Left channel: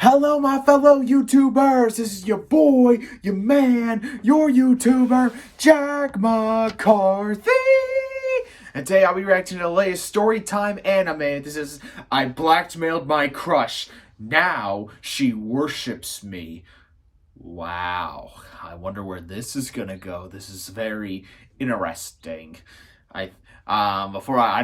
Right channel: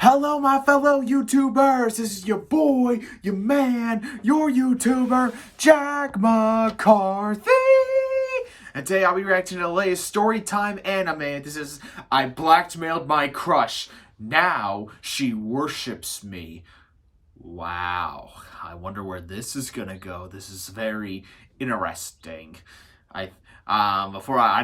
Hello, my fellow YouTubers. This is your boy, your man, your YouTuber, Jack McCarthy. And today I'll be reacting to the latest story time anime. This is I blackmailed my crush. Now she worships me. Wow. I wonder where this is gonna go. This is very interesting. I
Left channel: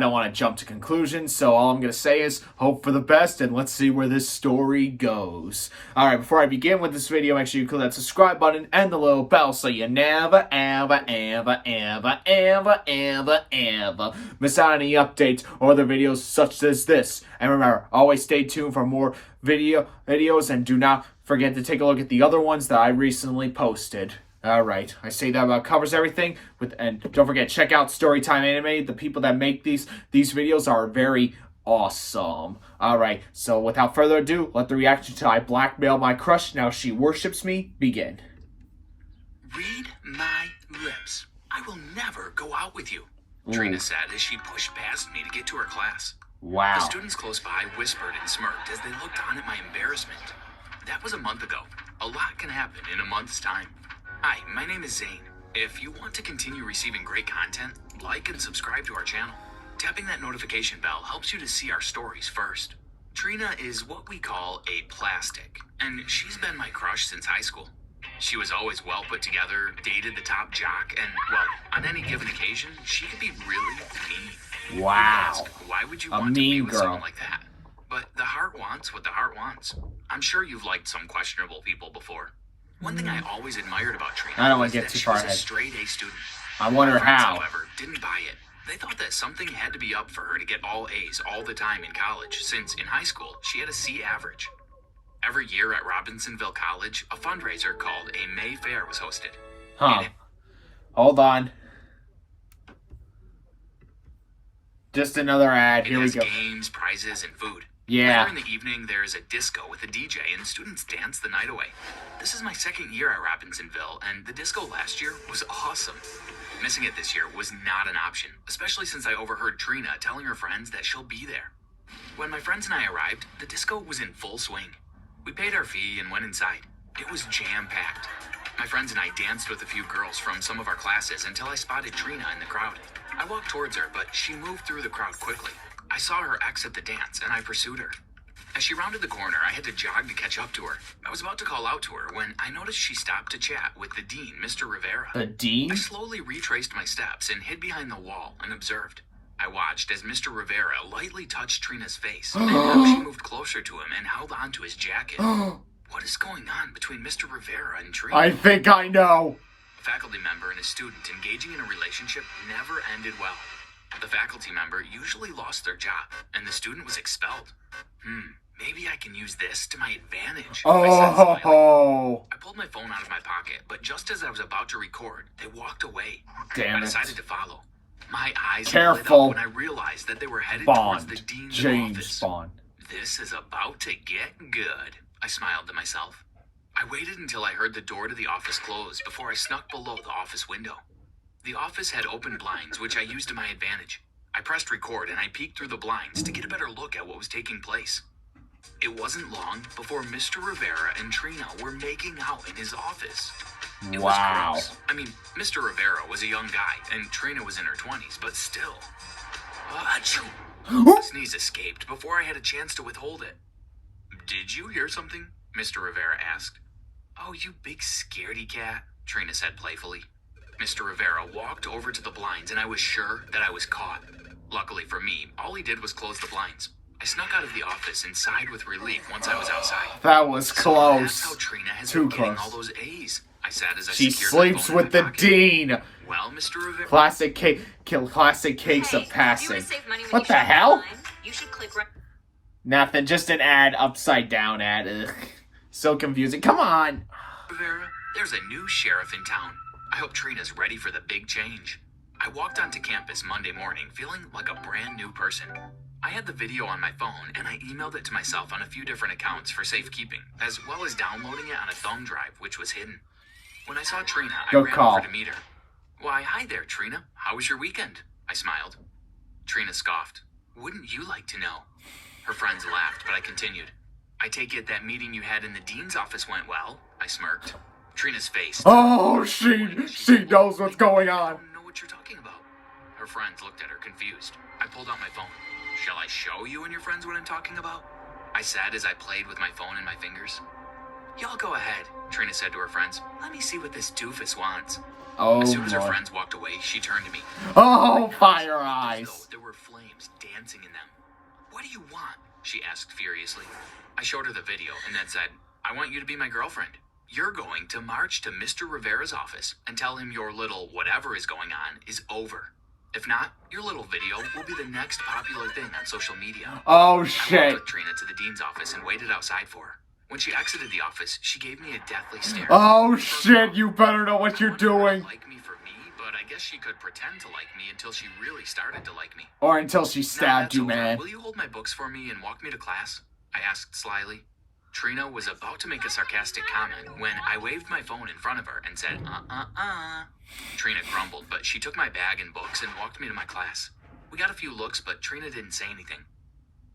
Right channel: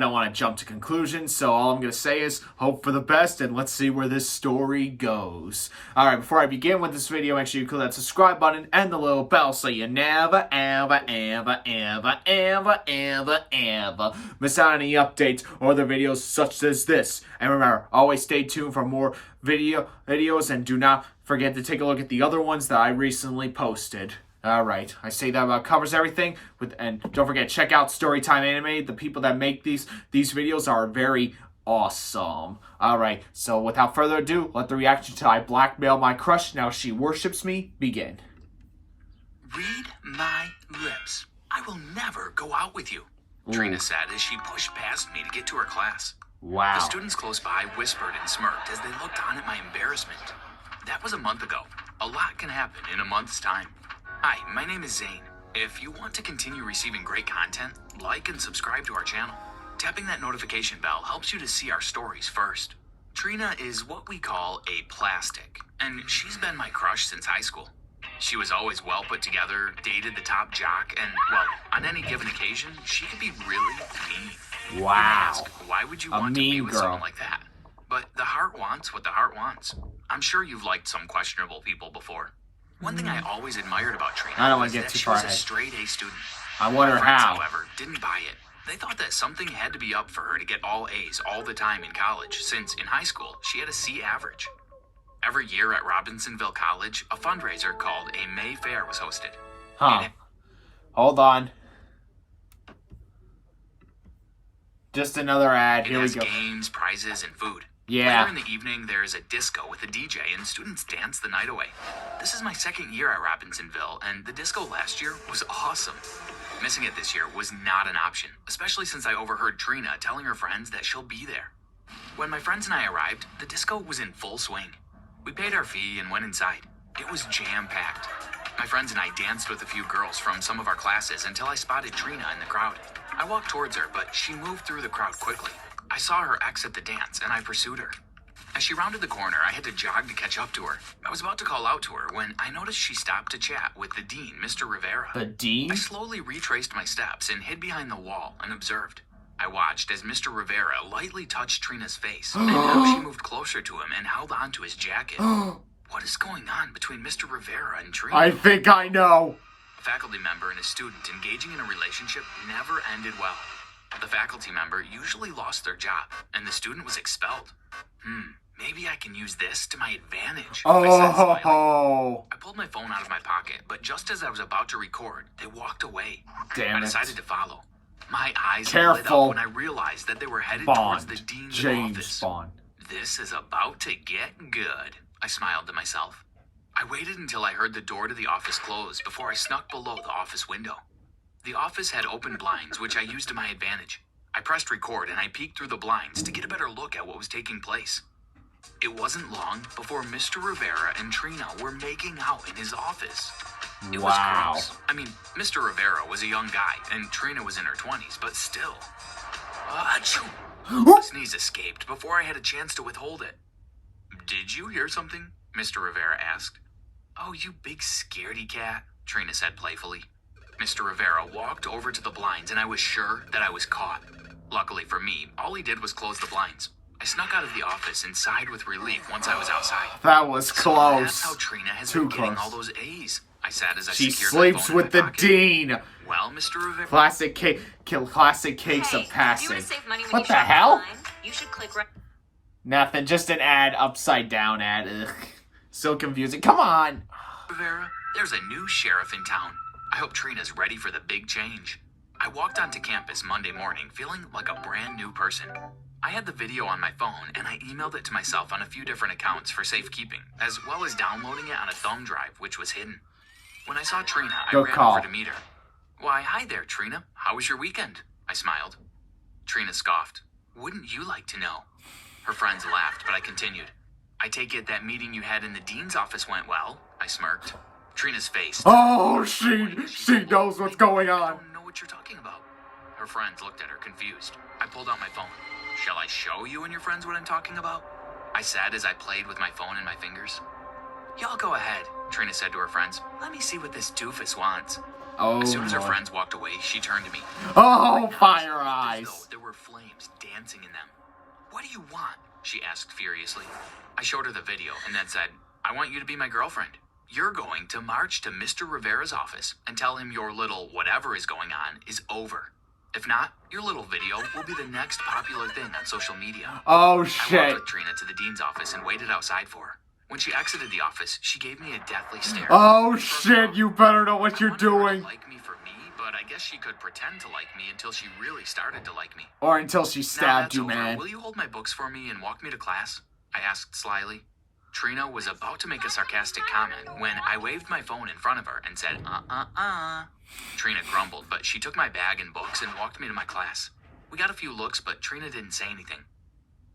don't want to jump to conclusions, so all I'm going to say is hope for the best, and let's see where this story goes. Alright, before I begin with this video, make sure you click that subscribe button and the little bell so you never, ever, ever, ever, ever, ever, ever miss out on any updates or other videos such as this. And remember, always stay tuned for more videos, and do not forget to take a look at the other ones that I recently posted. Alright, I say that about covers everything. And don't forget, check out Storytime Anime. The people that make these videos are very awesome. Alright, so without further ado, let the reaction to I Blackmailed My Crush, Now She Worships Me begin. Read my lips. I will never go out with you, Trina said as she pushed past me to get to her class. Wow. The students close by whispered and smirked as they looked on at my embarrassment. That was a month ago. A lot can happen in a month's time. Hi, my name is Zane. If you want to continue receiving great content, like and subscribe to our channel. Tapping that notification bell helps you to see our stories first. Trina is what we call a plastic, and she's been my crush since high school. She was always well put together, dated the top jock, and, well, on any given occasion, she could be really mean. Wow. Why would you a want mean to be with girl someone like that? But the heart wants what the heart wants. I'm sure you've liked some questionable people before. One thing I always admired about Trina, I don't want to get too far ahead. Straight A student. I wonder My friends, how. However, didn't buy it. They thought that something had to be up for her to get all A's all the time in college, since in high school she had a C average. Every year at Robinsonville College, a fundraiser called a May Fair was hosted. Hold on. Just another ad. Here we go. Games, prizes, and food. Yeah. Later in the evening, there is a disco with a DJ, and students dance the night away. This is my second year at Robinsonville, and the disco last year was awesome. Missing it this year was not an option, especially since I overheard Trina telling her friends that she'll be there. When my friends and I arrived, the disco was in full swing. We paid our fee and went inside. It was jam-packed. My friends and I danced with a few girls from some of our classes until I spotted Trina in the crowd. I walked towards her, but she moved through the crowd quickly. I saw her exit the dance, and I pursued her. As she rounded the corner, I had to jog to catch up to her. I was about to call out to her when I noticed she stopped to chat with the dean, Mr. Rivera. The dean? I slowly retraced my steps and hid behind the wall and observed. I watched as Mr. Rivera lightly touched Trina's face, and then she moved closer to him and held onto his jacket. What is going on between Mr. Rivera and Trina? I think I know. A faculty member and a student engaging in a relationship never ended well. The faculty member usually lost their job, and the student was expelled. Maybe I can use this to my advantage. Oh. I pulled my phone out of my pocket, but just as I was about to record, they walked away. Damn it. I decided to follow. My eyes Careful. lit up when I realized that they were headed Bond. towards the dean's James office. Bond. This is about to get good, I smiled to myself. I waited until I heard the door to the office close before I snuck below the office window. The office had open blinds, which I used to my advantage. I pressed record and I peeked through the blinds to get a better look at what was taking place. It wasn't long before Mr. Rivera and Trina were making out in his office. It Wow. was gross. I mean, Mr. Rivera was a young guy and Trina was in her 20s, but still. Achoo! A sneeze escaped before I had a chance to withhold it. Did you hear something? Mr. Rivera asked. Oh, you big scaredy cat, Trina said playfully. Mr. Rivera walked over to the blinds, and I was sure that I was caught. Luckily for me, all he did was close the blinds. I snuck out of the office and sighed with relief once I was outside. That was close. That's how Trina has Too been getting close. all those A's, I said as I She secured my sleeps phone with in the my pocket. dean. Well, Mr. Rivera. Classic cakes of passing. What the hell? You should click right. Nothing. Just an ad. Upside down ad. Ugh. So confusing. Come on. Rivera, there's a new sheriff in town. I hope Trina's ready for the big change. I walked onto campus Monday morning feeling like a brand new person. I had the video on my phone and I emailed it to myself on a few different accounts for safekeeping, as well as downloading it on a thumb drive, which was hidden. When I saw Trina, I ran over to meet her. Why, hi there, Trina. How was your weekend? I smiled. Trina scoffed. Wouldn't you like to know? Her friends laughed, but I continued. I take it that meeting you had in the dean's office went well, I smirked. Trina's face. Oh, she knows what's going on. I don't know what you're talking about. Her friends looked at her confused. I pulled out my phone. Shall I show you and your friends what I'm talking about? I said as I played with my phone in my fingers. Y'all go ahead, Trina said to her friends. Let me see what this doofus wants. Oh, as soon as her Lord. friends walked away, she turned to me. Oh, fire eyes. Though there were flames dancing in them. What do you want? She asked furiously. I showed her the video and then said, I want you to be my girlfriend. You're going to march to Mr. Rivera's office and tell him your little whatever is going on is over. If not, your little video will be the next popular thing on social media. Oh, I shit. walked with Trina to the dean's office and waited outside for her. When she exited the office, she gave me a deathly stare. Oh, shit, you better know what you're doing. Like me for me, but I guess she could pretend to like me until she really started to like me. Or until she Now stabbed that's you, over. man. Will you hold my books for me and walk me to class? I asked slyly. Trina was about to make a sarcastic comment when I waved my phone in front of her and said, Trina grumbled, but she took my bag and books and walked me to my class. We got a few looks, but Trina didn't say anything.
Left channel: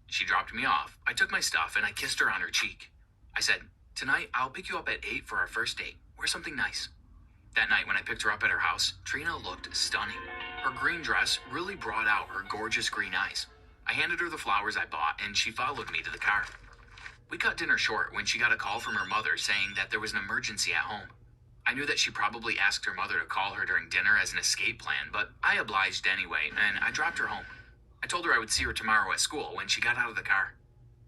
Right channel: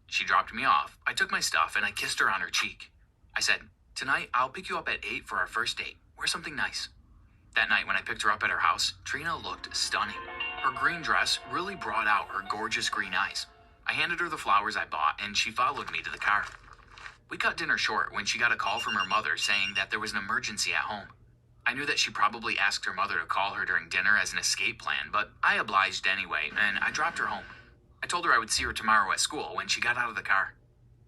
She dropped me off. I took my stuff and I kissed her on her cheek. I said, tonight I'll pick you up at 8 for our first date. Wear something nice. That night when I picked her up at her house, Trina looked stunning. Her green dress really brought out her gorgeous green eyes. I handed her the flowers I bought and she followed me to the car. We cut dinner short when she got a call from her mother saying that there was an emergency at home. I knew that she probably asked her mother to call her during dinner as an escape plan, but I obliged anyway, and I dropped her home. I told her I would see her tomorrow at school when she got out of the car.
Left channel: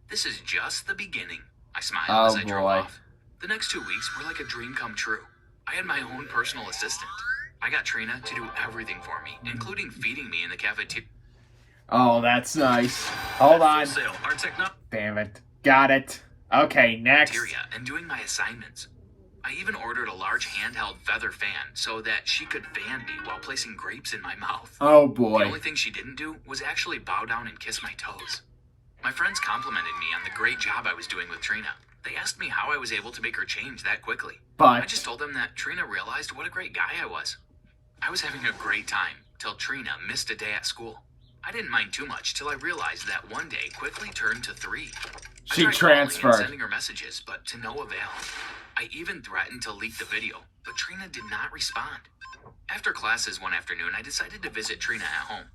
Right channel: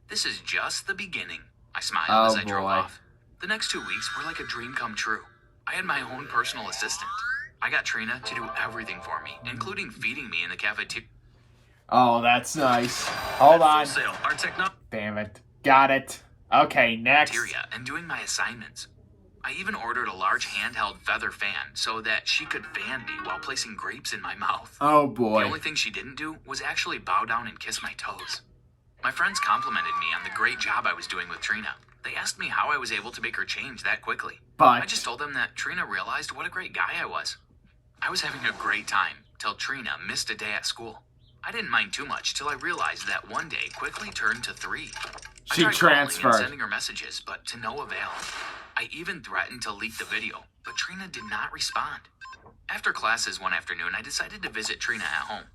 This is just the beginning, I smiled as I drove off. The next 2 weeks were like a dream come true. I had my own personal assistant. I got Trina to do everything for me, including feeding me in the cafeteria. Oh, that's nice. Hold on. Our Damn it. Got it. Okay, next. And doing my assignments. I even ordered a large handheld feather fan so that she could fan me while placing grapes in my mouth. Oh, The boy. only thing she didn't do was actually bow down and kiss my toes. My friends complimented me on the great job I was doing with Trina. They asked me how I was able to make her change that quickly. I But, just told them that Trina realized what a great guy I was. I was having a great time till Trina missed a day at school. I didn't mind too much till I realized that one day quickly turned to 3. she I tried calling and transferred. sending her messages, but to no avail. I even threatened to leak the video, but Trina did not respond. After classes one afternoon, I decided to visit Trina at home.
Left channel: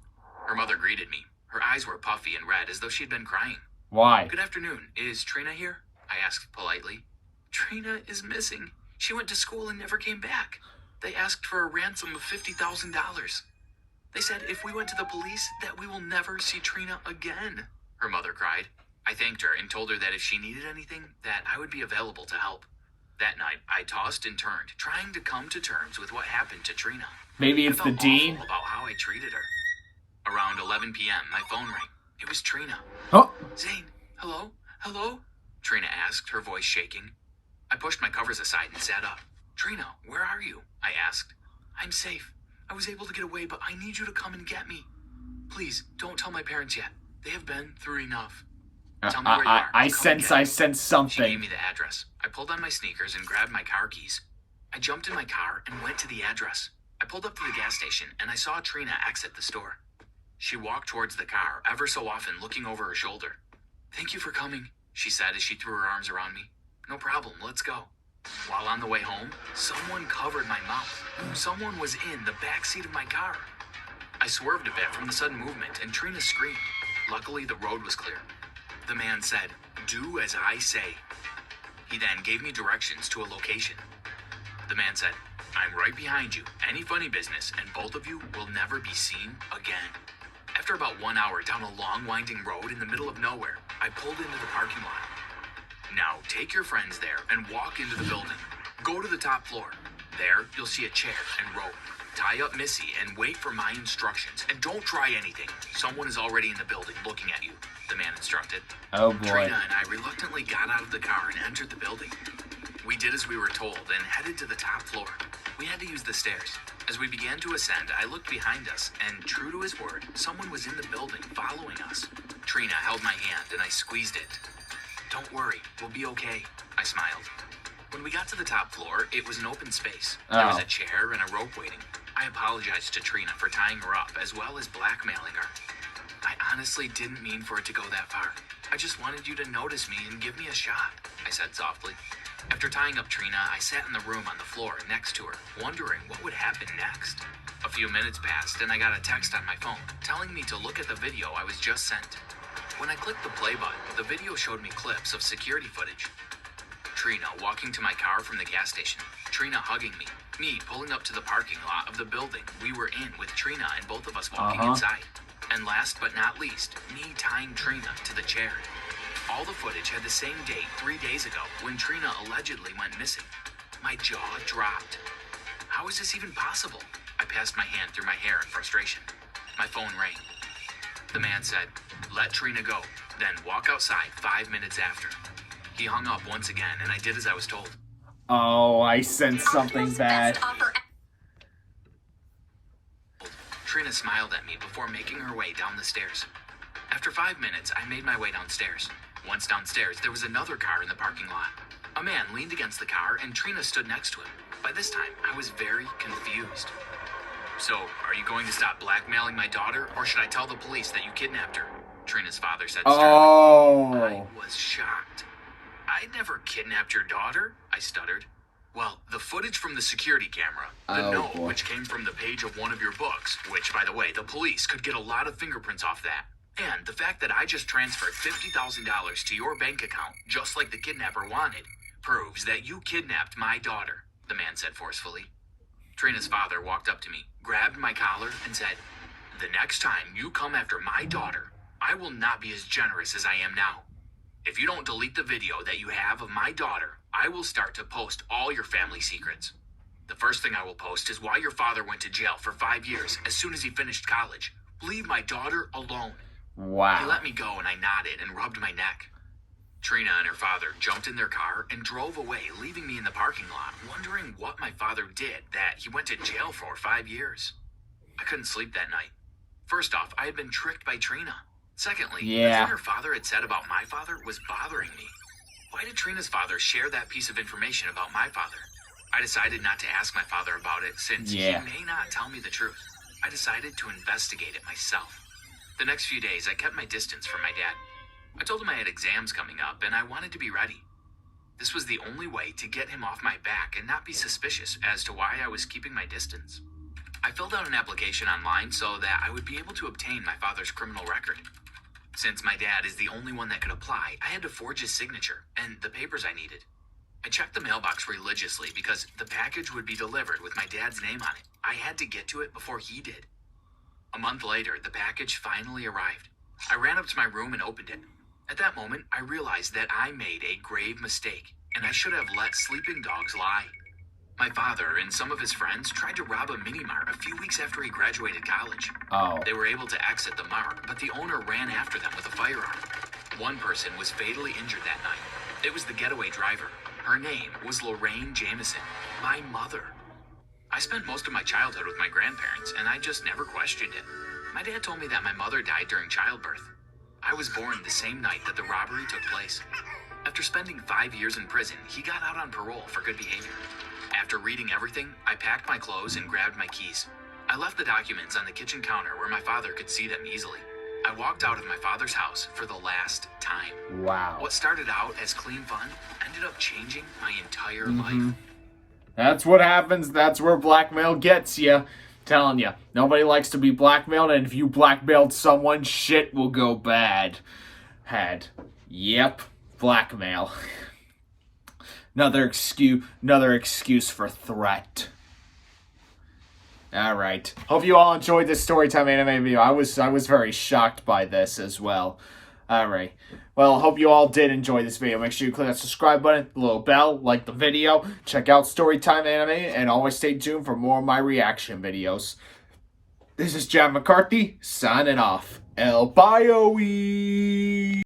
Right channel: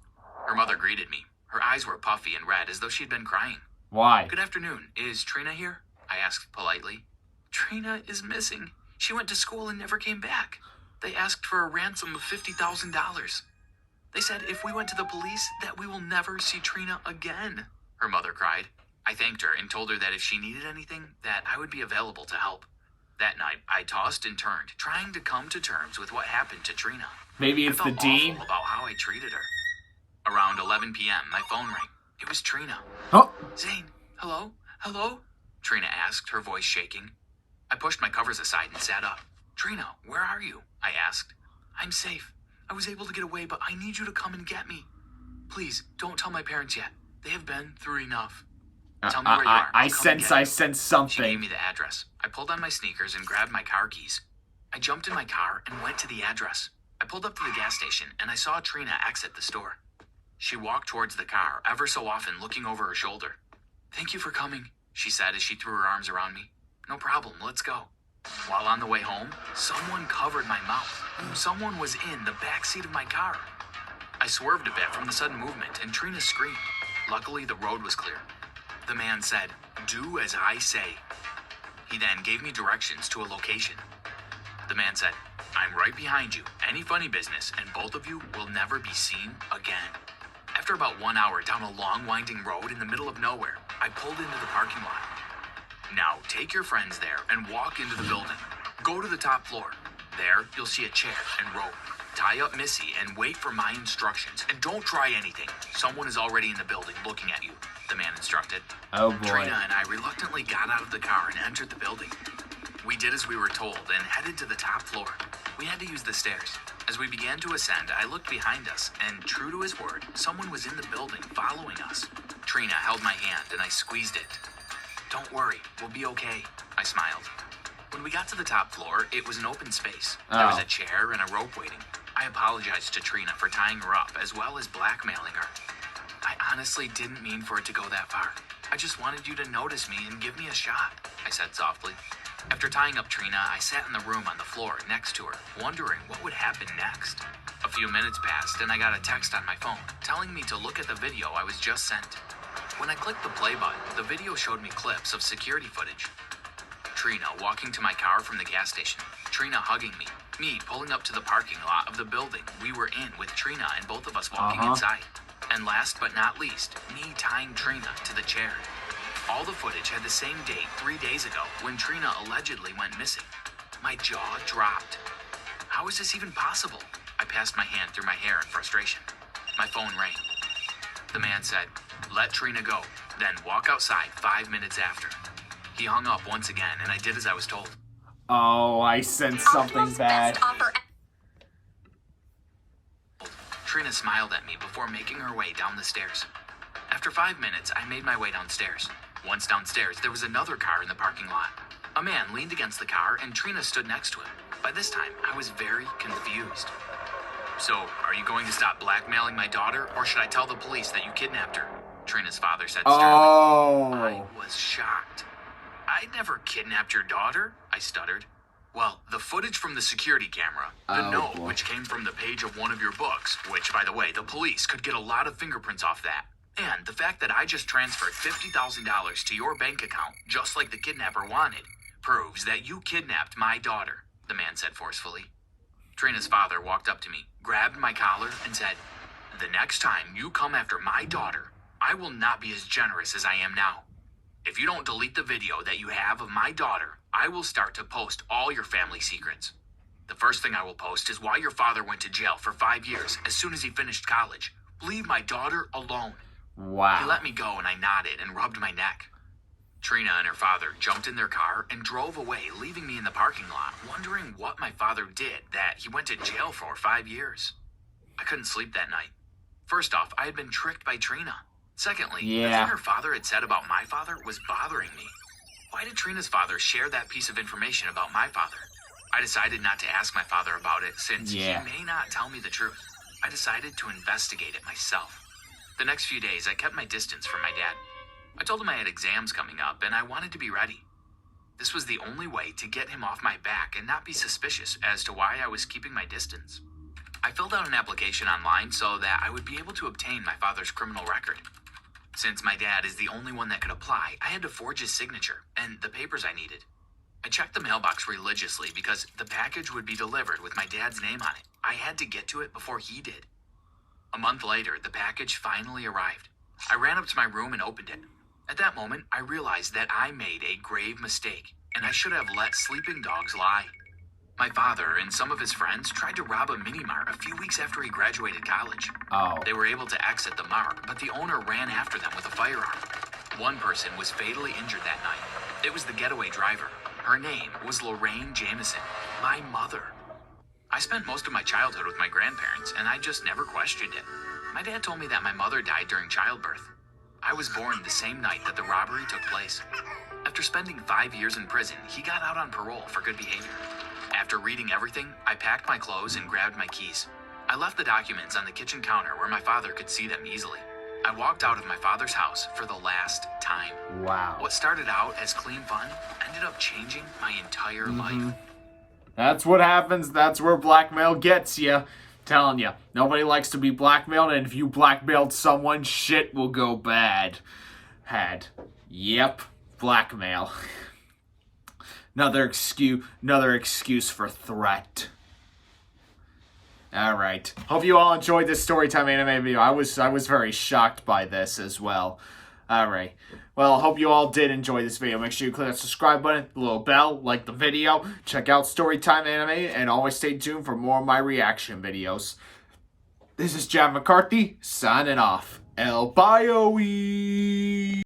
Her mother greeted me. Her eyes were puffy and red, as though she'd been crying. Why? Good afternoon. Is Trina here? I asked politely. Trina is missing. She went to school and never came back. They asked for a ransom of $50,000. They said if we went to the police, that we will never see Trina again, her mother cried. I thanked her and told her that if she needed anything, that I would be available to help. That night, I tossed and turned, trying to come to terms with what happened to Trina. Maybe I it's the felt dean? awful about how I treated her. Around 11 p.m., my phone rang. It was Trina. Oh, Zane, hello? Hello? Trina asked, her voice shaking. I pushed my covers aside and sat up. Trina, where are you? I asked. I'm safe. I was able to get away, but I need you to come and get me. Please, don't tell my parents yet. They have been through enough. Tell me where you are. I Come sense get me. She gave something. me the address. I pulled on my sneakers and grabbed my car keys. I jumped in my car and went to the address. I pulled up to the gas station and I saw Trina exit the store. She walked towards the car, ever so often looking over her shoulder. Thank you for coming, she said as she threw her arms around me. No problem, let's go. While on the way home, someone covered my mouth. Someone was in the back seat of my car. I swerved a bit from the sudden movement and Trina screamed. Luckily, the road was clear. The man said, "Do as I say." He then gave me directions to a location. The man said, "I'm right behind you. Any funny business, and both of you will never be seen again." After about 1 hour down a long, winding road in the middle of nowhere, I pulled into the parking lot. Now, take your friends there and walk into the building. Go to the top floor. There, you'll see a chair and rope. Tie up Missy and wait for my instructions. And don't try anything. Someone is already in the building looking at you, the man instructed. Oh, boy. Trina and I reluctantly got out of the car and entered the building. We did as we were told and headed to the top floor. We had to use the stairs. As we began to ascend, I looked behind us, and true to his word, someone was in the building following us. Trina held my hand and I squeezed it. Don't worry, we'll be okay, I smiled. When we got to the top floor, it was an open space. There was a chair and a rope waiting. I apologized to Trina for tying her up, as well as blackmailing her. I honestly didn't mean for it to go that far. I just wanted you to notice me and give me a shot, I said softly. After tying up Trina, I sat in the room on the floor next to her, wondering what would happen next. A few minutes passed and I got a text on my phone telling me to look at the video I was just sent. When I clicked the play button, the video showed me clips of security footage. Trina walking to my car from the gas station, Trina hugging me pulling up to the parking lot of the building we were in with Trina and both of us walking inside. And last but not least, me tying Trina to the chair. All the footage had the same date 3 days ago when Trina allegedly went missing. My jaw dropped. How is this even possible? I passed my hand through my hair in frustration. My phone rang. The man said, "Let Trina go, then walk outside 5 minutes after." He hung up once again and I did as I was told. Oh, I sensed something bad. Trina smiled at me before making her way down the stairs. After 5 minutes, I made my way downstairs. Once downstairs, there was another car in the parking lot. A man leaned against the car and Trina stood next to him. By this time, I was very confused. "So, are you going to stop blackmailing my daughter, or should I tell the police that you kidnapped her?" Trina's father said. Oh. I was shocked. "I'd never kidnapped your daughter," I stuttered. "Well, the footage from the security camera, the note which came from the page of one of your books, which, by the way, the police could get a lot of fingerprints off that, and the fact that I just transferred $50,000 to your bank account, just like the kidnapper wanted, proves that you kidnapped my daughter," the man said forcefully. Trina's father walked up to me, grabbed my collar, and said, "The next time you come after my daughter, I will not be as generous as I am now. If you don't delete the video that you have of my daughter, I will start to post all your family secrets. The first thing I will post is why your father went to jail for 5 years as soon as he finished college. Leave my daughter alone." Wow. He let me go and I nodded and rubbed my neck. Trina and her father jumped in their car and drove away, leaving me in the parking lot, wondering what my father did that he went to jail for 5 years. I couldn't sleep that night. First off, I had been tricked by Trina. Secondly, what her father had said about my father was bothering me. Why did Trina's father share that piece of information about my father? I decided not to ask my father about it since he may not tell me the truth. I decided to investigate it myself. The next few days, I kept my distance from my dad. I told him I had exams coming up and I wanted to be ready. This was the only way to get him off my back and not be suspicious as to why I was keeping my distance. I filled out an application online so that I would be able to obtain my father's criminal record. Since my dad is the only one that could apply, I had to forge his signature and the papers I needed. I checked the mailbox religiously because the package would be delivered with my dad's name on it. I had to get to it before he did. A month later, the package finally arrived. I ran up to my room and opened it. At that moment, I realized that I made a grave mistake, and I should have let sleeping dogs lie. My father and some of his friends tried to rob a mini-mart a few weeks after he graduated college. They were able to exit the mart, but the owner ran after them with a firearm. One person was fatally injured that night. It was the getaway driver. Her name was Lorraine Jameson, my mother. I spent most of my childhood with my grandparents, and I just never questioned it. My dad told me that my mother died during childbirth. I was born the same night that the robbery took place. After spending 5 years in prison, he got out on parole for good behavior. After reading everything, I packed my clothes and grabbed my keys. I left the documents on the kitchen counter where my father could see them easily. I walked out of my father's house for the last time. Wow. What started out as clean fun ended up changing my entire life. That's what happens. That's where blackmail gets you. Telling you, nobody likes to be blackmailed, and if you blackmailed someone, shit will go bad. Yep, blackmail. Another excuse for threat. All right. Hope you all enjoyed this Storytime anime video. I was very shocked by this as well. All right. Well, I hope you all did enjoy this video. Make sure you click that subscribe button, the little bell, like the video, check out Storytime Anime, and always stay tuned for more of my reaction videos. This is John McCarthy, signing off. El Bye-oe!